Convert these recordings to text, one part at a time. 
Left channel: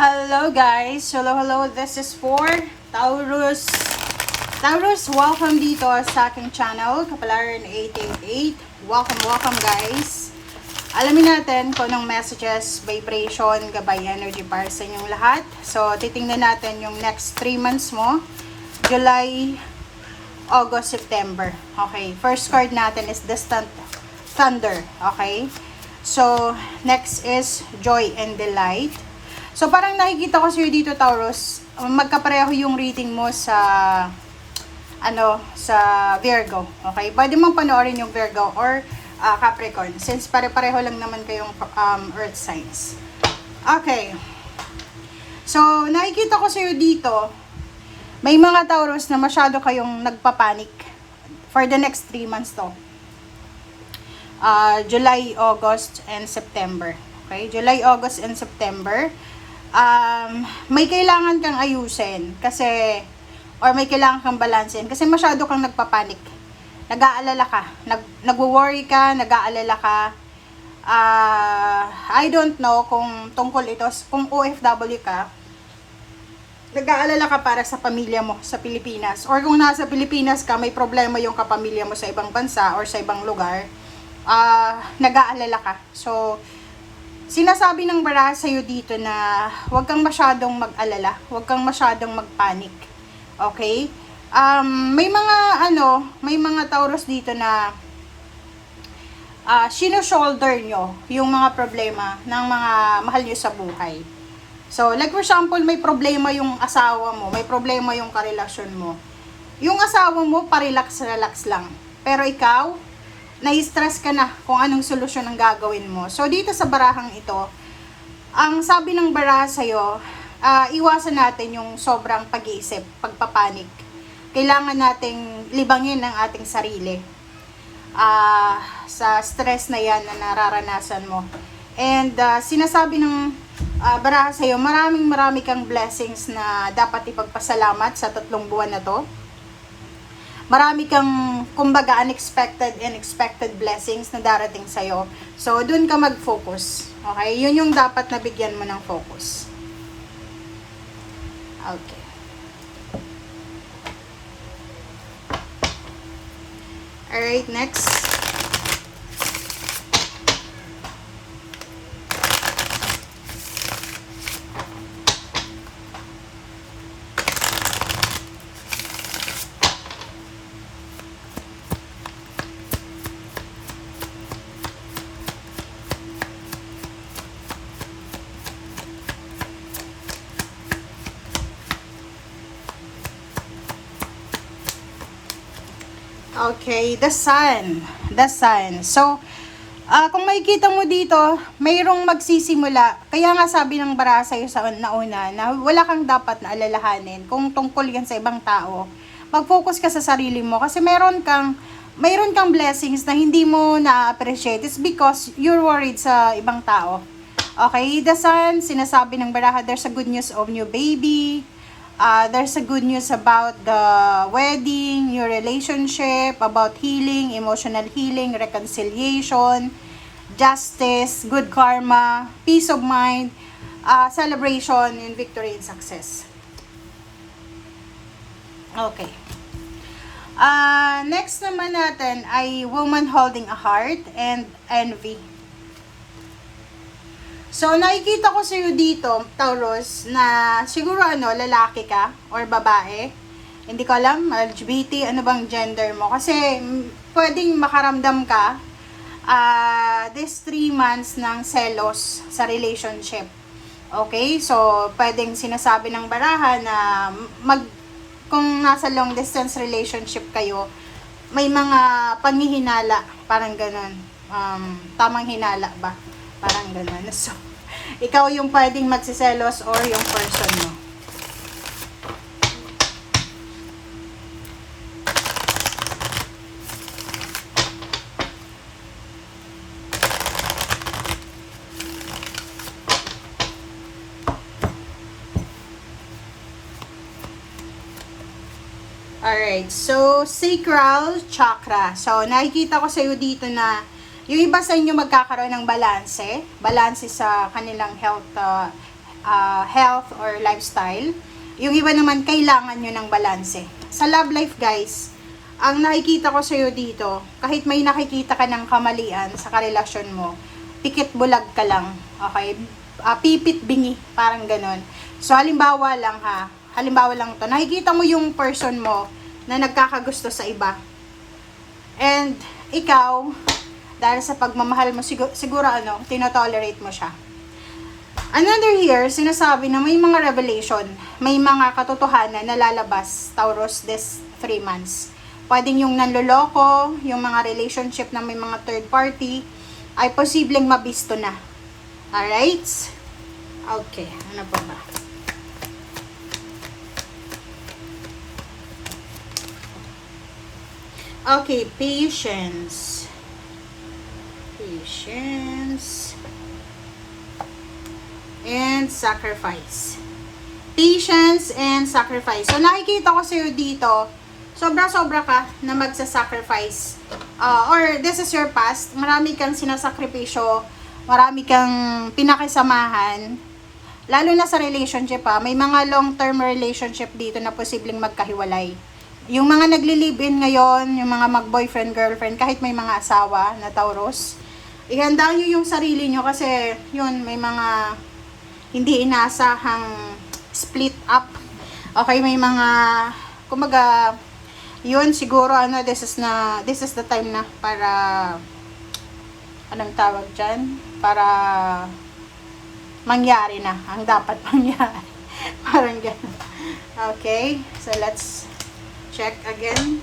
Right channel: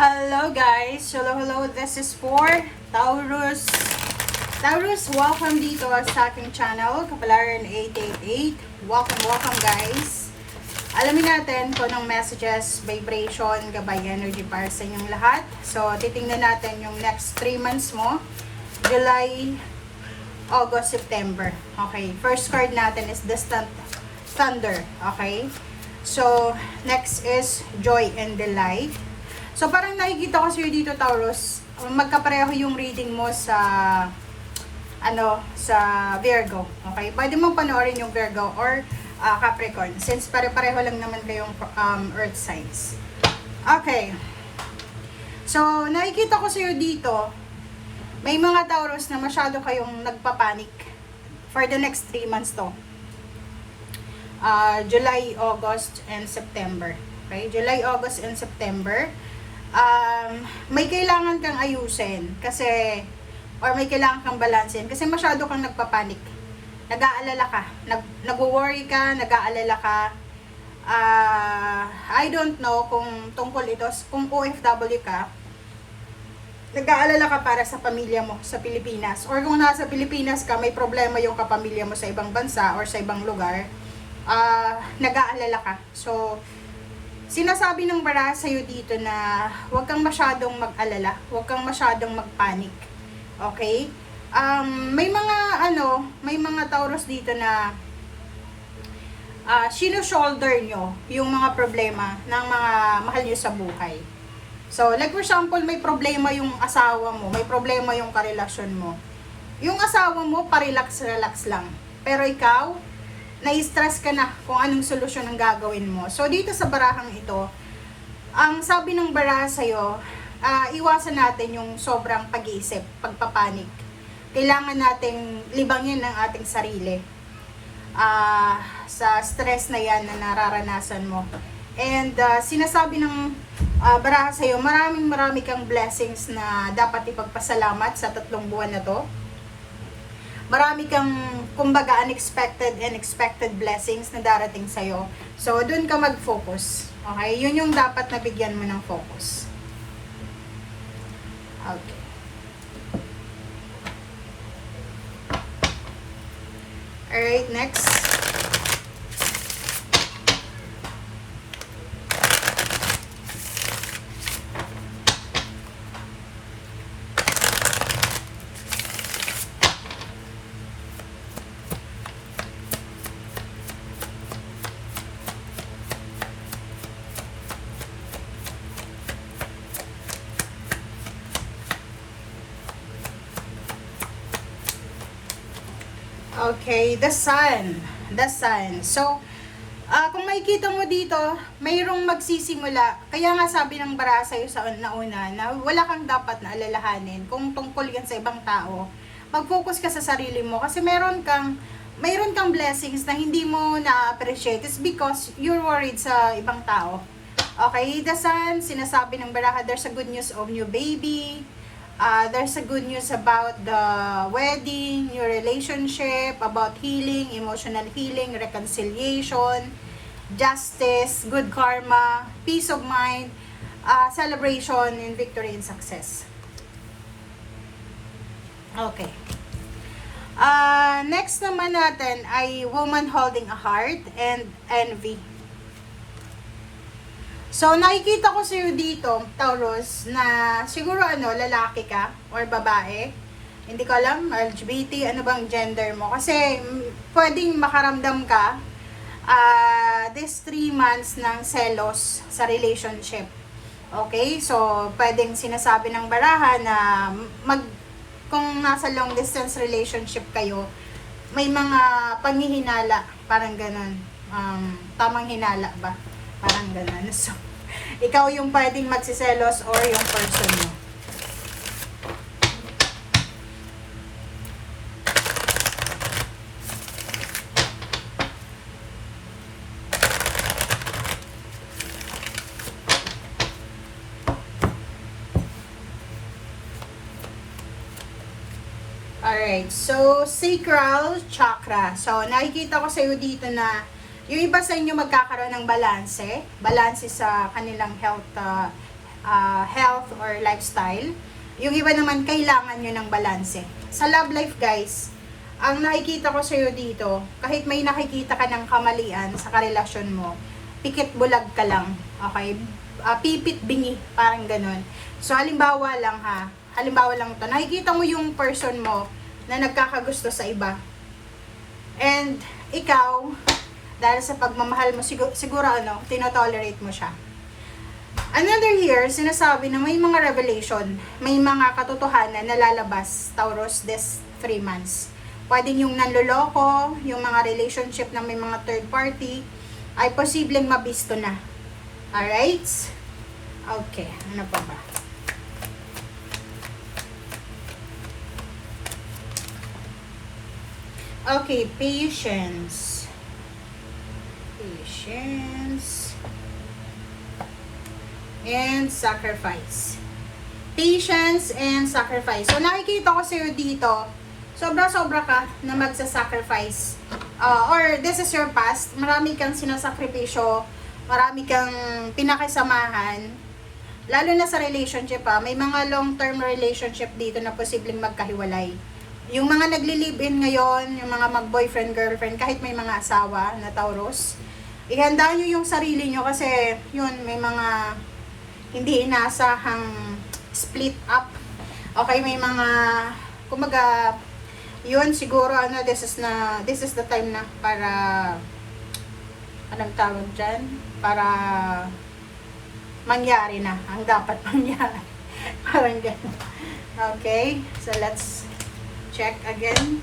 Hello guys! Hello, this is for Taurus. Taurus, welcome dito sa aking channel, Kapalaran 888. Welcome guys! Alamin natin kung anong messages, vibration, gabay energy para sa inyong lahat. So, titingnan natin yung next 3 months mo. July, August, September. Okay, first card natin is Distant Thunder. Okay, so next is Joy and Delight. So, parang nakikita ko sa'yo dito, Taurus, magkapareho yung reading mo sa, sa Virgo. Okay? Pwede mong panoorin yung Virgo or Capricorn, since pare-pareho lang naman kayong earth signs. Okay. So, nakikita ko sa'yo dito, may mga Taurus na masyado kayong nagpapanik for the next 3 months to. July, August, and September. Okay? July, August, and September. May kailangan kang ayusin kasi or may kailangan kang balansin kasi masyado kang nagpapanik. Nag-aalala ka, nagwo-worry ka, nag-aalala ka. I don't know kung tungkol ito, kung OFW ka, nag-aalala ka para sa pamilya mo sa Pilipinas, or kung nasa Pilipinas ka, may problema yung kapamilya mo sa ibang bansa or sa ibang lugar, nag-aalala ka. So, sinasabi ng baraha sa'yo dito na huwag kang masyadong mag-alala, huwag kang masyadong mag-panic. Okay? May mga Taurus dito na sino-shoulder nyo yung mga problema ng mga mahal nyo sa buhay. So, like for example, may problema yung asawa mo, may problema yung karelasyon mo. Yung asawa mo, parelax-relax lang. Pero ikaw, na-stress ka na kung anong solusyon ang gagawin mo. So, dito sa barahang ito, ang sabi ng baraha sa'yo, iwasan natin yung sobrang pag-iisip, pagpapanik. Kailangan nating libangin ang ating sarili sa stress na yan na nararanasan mo. And sinasabi ng baraha sa'yo, marami kang blessings na dapat ipagpasalamat sa 3 buwan na to. Marami kang, kumbaga, unexpected and expected blessings na darating sa'yo. So, dun ka mag-focus. Okay? Yun yung dapat nabigyan mo ng focus. Okay. Alright, next. Okay, the sun. The sun. So, kung makikita mo dito, mayroong magsisimula. Kaya nga sabi ng baraha sa'yo sa nauna na wala kang dapat na alalahanin kung tungkol yan sa ibang tao. Mag-focus ka sa sarili mo kasi mayroon kang blessings na hindi mo na-appreciate. It's because you're worried sa ibang tao. Okay, the sun, sinasabi ng baraha, there's a good news of new baby. There's a good news about the wedding, your relationship, about healing, emotional healing, reconciliation, justice, good karma, peace of mind, celebration, and victory and success. Okay. Next naman natin ay woman holding a heart and envy. So, nakikita ko sa'yo dito, Taurus, na siguro lalaki ka or babae. Hindi ko alam, LGBT, ano bang gender mo. Kasi, pwedeng makaramdam ka this 3 months ng selos sa relationship. Okay? So, pwedeng sinasabi ng baraha na kung nasa long distance relationship kayo, may mga panghihinala, parang ganun. Tamang hinala ba? Parang gano'n. So, ikaw yung pwedeng magsiselos or yung person mo. Alright, so sacral chakra. So, nakikita ko sa iyo dito na yung iba sa inyo magkakaroon ng balanse sa kanilang health or lifestyle. Yung iba naman, kailangan nyo ng balanse. Sa love life, guys, ang nakikita ko sa'yo dito, kahit may nakikita ka ng kamalian sa karelasyon mo, pikit bulag ka lang, okay? Pipit bingi, parang ganun. So, halimbawa lang to, nakikita mo yung person mo na nagkakagusto sa iba. And, ikaw, dahil sa pagmamahal mo, siguro tinotolerate mo siya. Another year, sinasabi na may mga revelation, may mga katotohanan na lalabas, Taurus, this 3 months. Pwedeng yung nanloloko, yung mga relationship na may mga third party, ay posibleng mapisto na. Alright? Okay, ano pa ba? Okay, patience. Patience. And sacrifice. Patience and sacrifice. So, nakikita ko sa'yo dito, sobra-sobra ka na magsasacrifice. Or this is your past. Marami kang sinasakripisyo. Marami kang pinakisamahan. Lalo na sa relationship may mga long-term relationship dito na posibleng magkahiwalay. Yung mga nagli-live-in ngayon, yung mga mag-boyfriend, girlfriend, kahit may mga asawa na Taurus, ihanda nyo yung sarili nyo kasi yun, may mga hindi inaasahang split up. Okay, may mga, kumaga, yun siguro this is the time na para, anong tawag dyan? Para mangyari na ang dapat mangyari. Parang gano'n. Okay, so let's check again.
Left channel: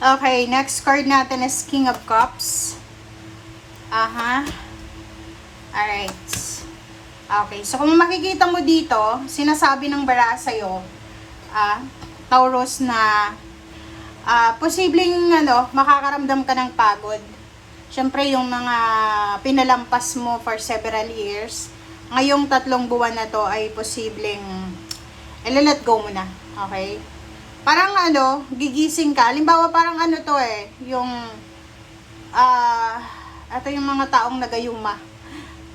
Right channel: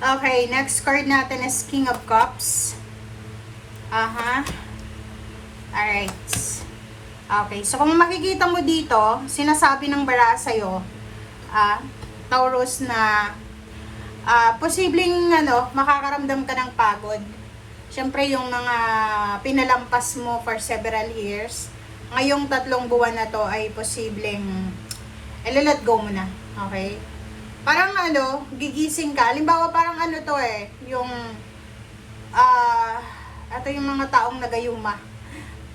Okay, next card natin is King of Cups. Alright. Okay, so kung makikita mo dito, sinasabi ng bara sa'yo, Taurus, na posibleng makakaramdam ka ng pagod. Siyempre, yung mga pinalampas mo for several years, ngayong 3 buwan na to ay posibleng let go mo na. Okay? Parang gigising ka. Halimbawa, parang yung ito yung mga taong nagayuma.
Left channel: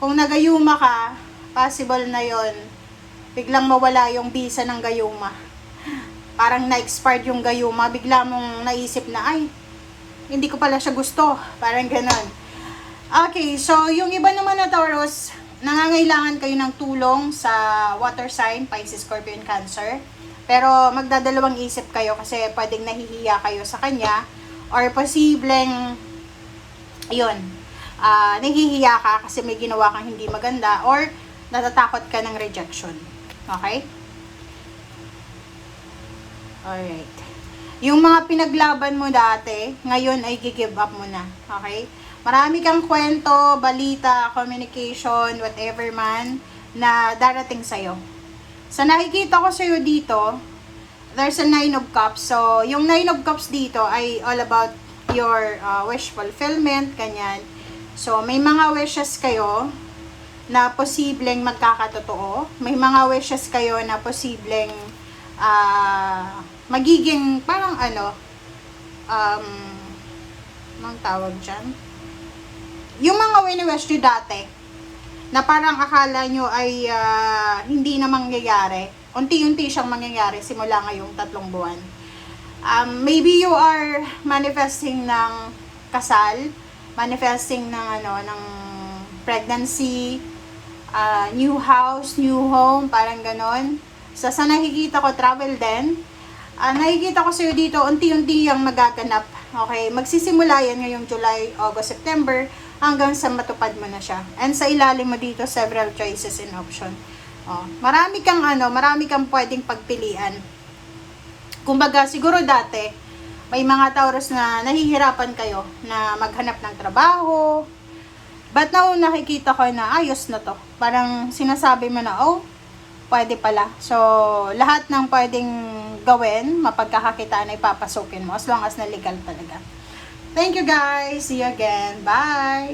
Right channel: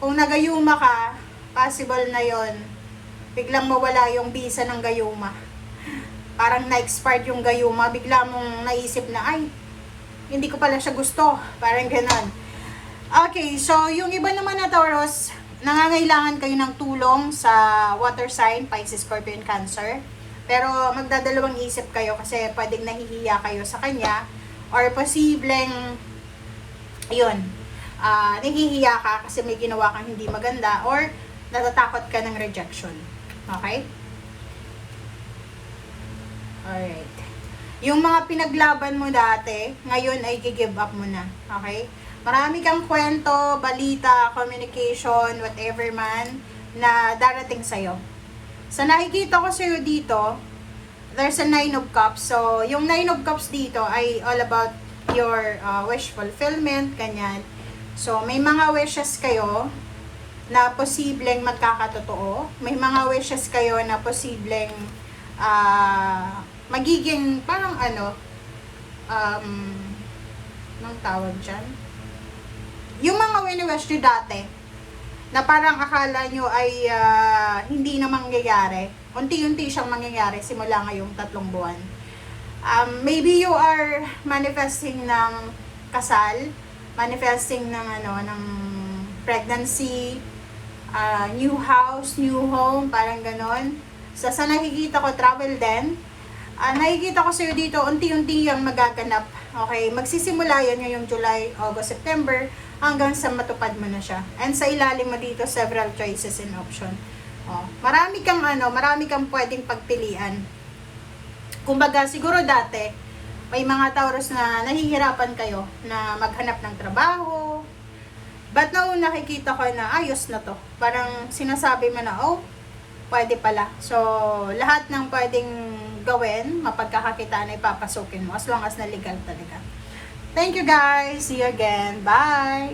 Kung nagayuma ka, possible na yon biglang mawala yung visa ng gayuma. Parang na-expired yung gayuma, bigla mong naisip na, ay, hindi ko pala siya gusto. Parang ganon. Okay, so yung iba naman na Taurus, nangangailangan kayo ng tulong sa water sign, Pisces, Scorpio, and Cancer. Pero magdadalawang isip kayo kasi pwedeng nahihiya kayo sa kanya or posibleng nahihiya ka kasi may ginawa kang hindi maganda or natatakot ka ng rejection. Okay? Alright. Yung mga pinaglaban mo dati, ngayon ay gi-give up mo na. Okay? Marami kang kwento, balita, communication, whatever man na darating sa'yo. Sa nakikita ko sa'yo dito, there's a 9 of Cups. So, yung 9 of Cups dito ay all about your wish fulfillment, ganyan. So, may mga wishes kayo na posibleng magkakatotoo. May mga wishes kayo na posibleng magiging parang anong tawag dyan? Yung mga wini-wish nyo dati, na parang akala nyo ay hindi na mangyayari. Unti-unti siyang mangyayari simula ngayong 3 buwan. Maybe you are manifesting ng kasal, manifesting ng pregnancy, new house, new home, parang ganon. Sa nakikita ko, travel din. Nakikita ko sa'yo dito, unti-unti yung magaganap. Okay, magsisimula yan ngayong July, August, September, hanggang sa matupad mo na siya. And sa ilalim mo dito, several choices and option. Marami kang pwedeng pagpilian. Kumbaga, siguro dati, may mga Taurus na nahihirapan kayo na maghanap ng trabaho. But now, nakikita ko na ayos na to. Parang sinasabi mo na, pwede pala. So, lahat ng pwedeng gawin, mapagkakakitaan ay papasukin mo as long as na legal talaga. Thank you guys. See you again. Bye!